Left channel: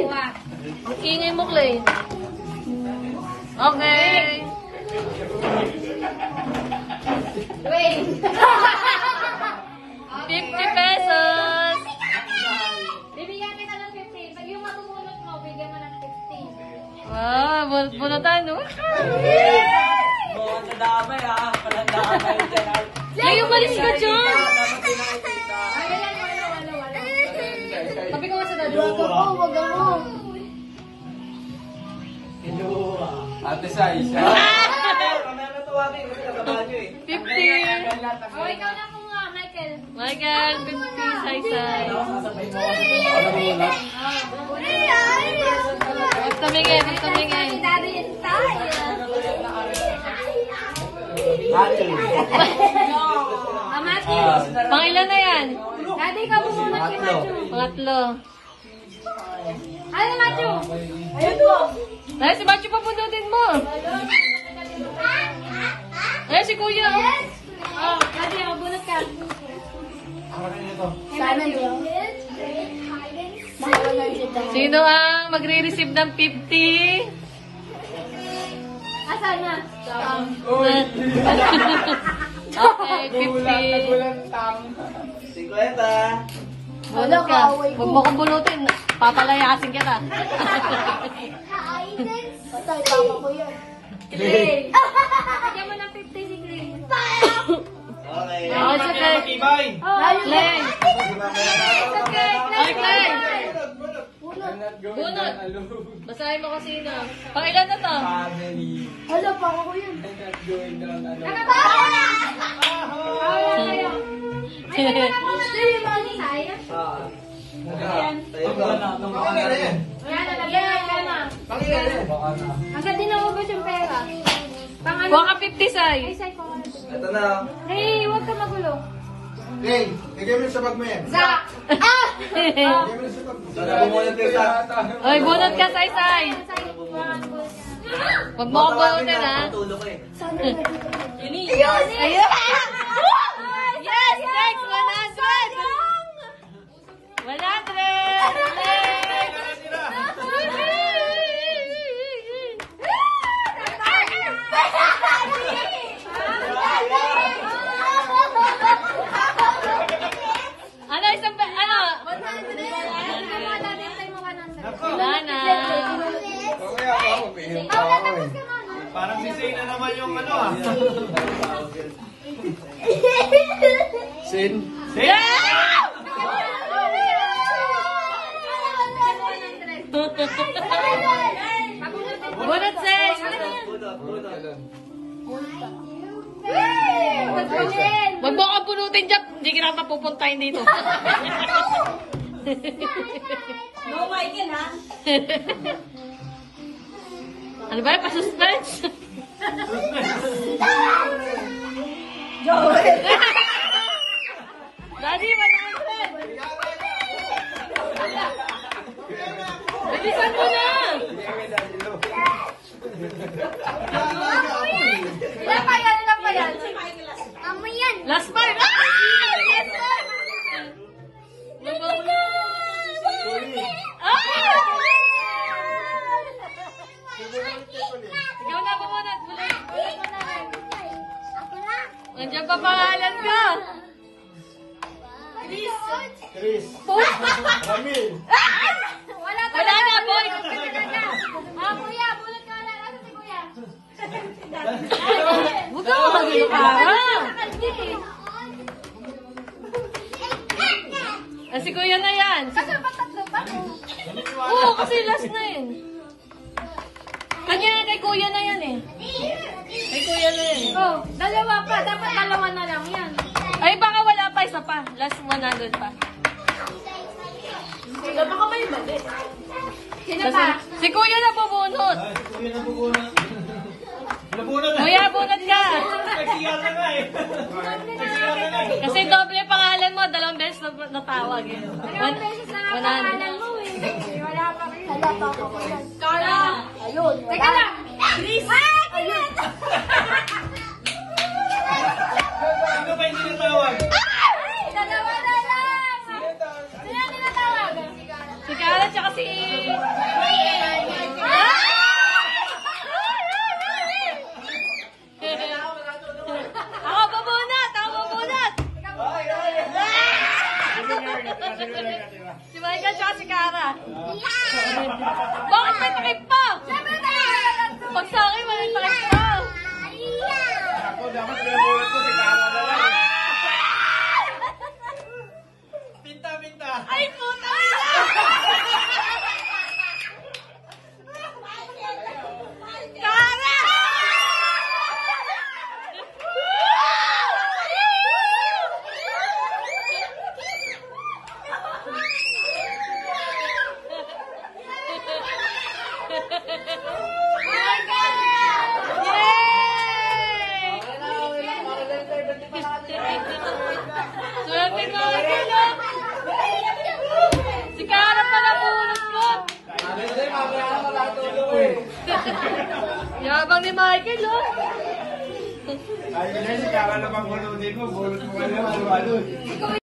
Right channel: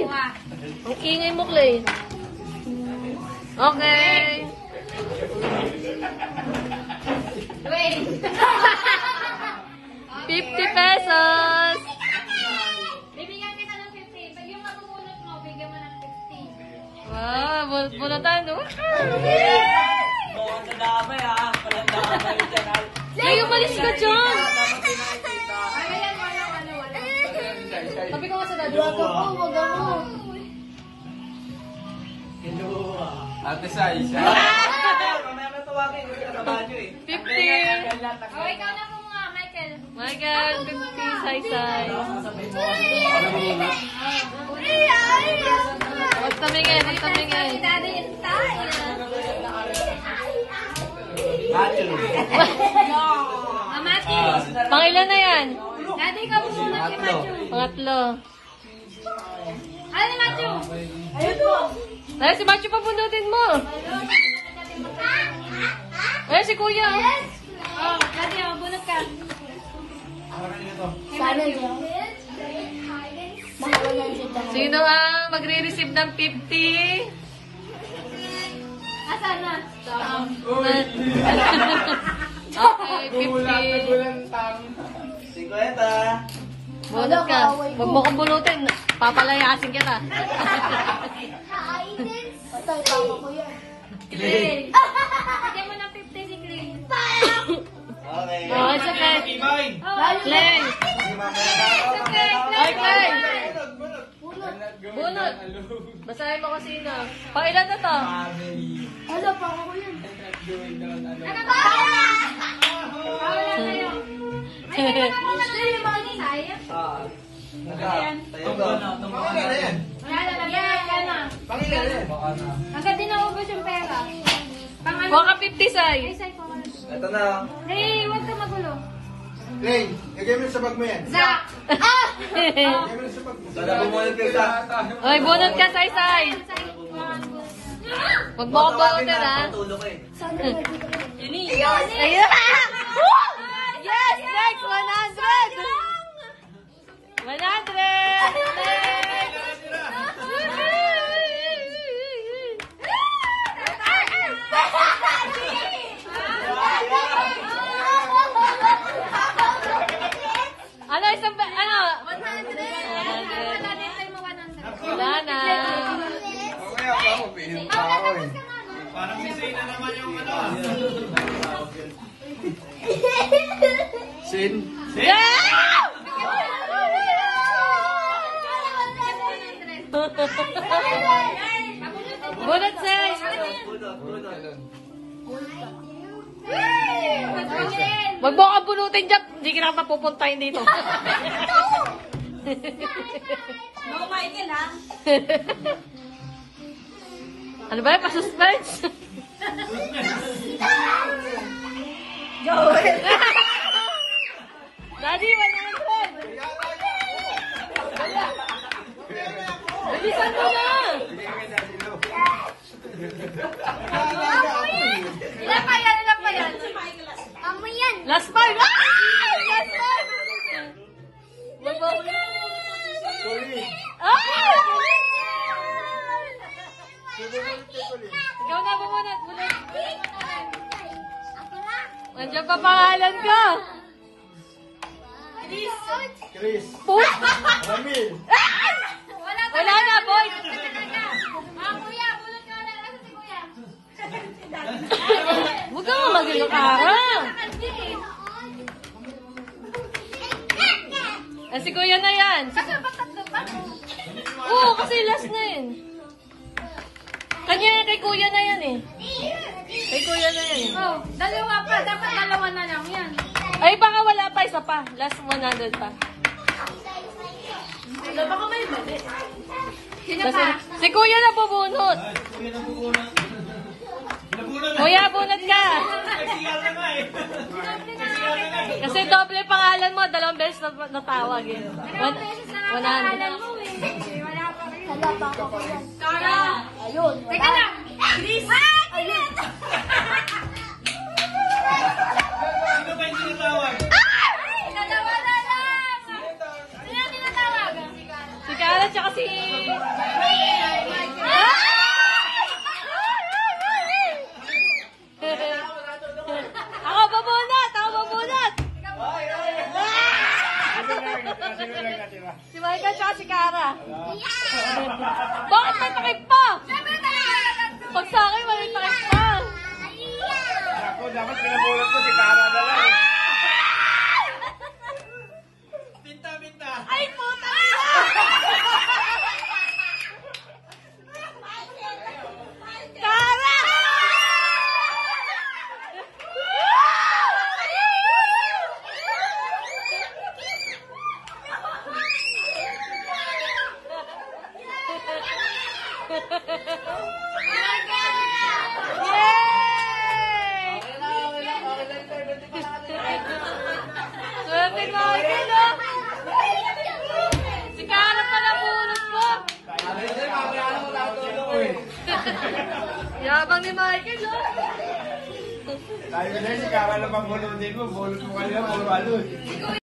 Ikingay mo, Clay. Okay. Wait. 50 pesos. Bibigyan kita ng 50. Pag yung matubunot mo, bigyan mo ng 50. Ah, bunutan, no? Bawang sa damay ha. Palang damay dyan. Ay, umalis ka dyan. Ayan, wala. Sabi ko nga sa daddy. Wag ako. Kinuha. Ate Sai, isa. Mamaya na tuwagin kasi nakabadyo eh. 50. Oh, ikaw na muna, Michael. Michael, good say-say. Tumingin. Daddy is tired. Matthew. Pangilan na yan? Daddy, ikaw bumunot kay Matthew. Pangatlo. Ano, Matthew? Ayun po. Dahil si Matthew papundutin mo. Eh, si Kuya. Oh, Daddy, mabunot ka. Sana nyo. Sino ang magre-receive ng 50? Asan na? Okay, 50. Si Kuweta. Bunot ka. Huwag mo kong bunutin. Papalayasin kita. Basta ipapa ko yan. Clay. Bigyan mo ng 50 si Clay. Okay. Oh, si Clay. Oh, Clay. Ay, Clay. Bunot. Basahin mo kasi na. Pangilan na to? Family. Hala, papa ko yan. Not going down alone. Wala kayo. Ay, wala ka muna tayo. Mali tayo. Tayo ba? Pangilan. Wala na, nagayon ka na. Pangilan. Hanggang din ako ba yung pera? Pang ano? Huwag ka 50, Sai. Ay, say ko. Ito na lang. Hey, huwag ka magulo. Hey, igay mo sa bag mo yan. Zach! Igay mo sa bag mo. Sana bumunod kayo sa... Ay, bunot ka, Sai. Huwag mo kong bunutin, ha? Patulog ko eh. Sana nyo. Ayun! Yes! Next! 100! Ano, isang pa, ano? 100! Wala na. Mamaya ako, pinom pa ako eh. Parang misay na naman yung ano ah. Sin? Bunot, Sai. Huwag mo kang bunutin dyan. Hindi ka na mapupuntahin dito. No, Michael, ha? Ano ba? Pa-suspense? Daddy, 100! Bilisan mo na! Ilan pa yan? Amo yan. Last part! Ah! Last part! Ah! Ikaw na bumunod. Nandiyan pa pangalan ko. Chris. Ramil. Wala Wala na, boy. Ah, kuya, bulot ka na. Ano si kuya? Huwag ka mag-iyo ka. Si kuya na yan. Kasi ba tatlo pa? Oo, kasi last na yun. Kanya kay kuya na yan eh. Kay kuya na yan. Oh, dalawa pa. Dapat dalawa na lang yan. Ay, baka wala pa, isa pa. Last 100 pa. Baka may mali. Sino Kasi, pa? si kuya na bubunot. Kuya na bubunod. Nabunod na. Kuya, bunot ka. Nagkiyal na nga eh. Nagkiyal na nga eh. Kasi doble pangalan mo, 2 beses na natawag. Dalawang beses na nga pangalan mo eh. Wala pa rin. Hala, papa ko yan. Kara! Ayun, Teka wala. lang! Please! Ah! Ayun! Ano ba yung tinatawag? Ay! Dalawa na lang! Sino ang tinatawag? Si Karen tsaka si... Ako babunot! Ako babunot! Si Michael tsaka si Cara. Bakit may takip pa? Pag sa akin, may takip pa. Ako, dapat pinabulot ko si Cara na lang. Pinta, pinta. Ay, puta! Cara! Swerte mo, Michael, si Cara pala bunot mo. Kasi mamaya na matutulog eh. Yabang ni Michael, oh. Ayun na, si Cara na pang bulot ko. Bulot mo kanina, ano.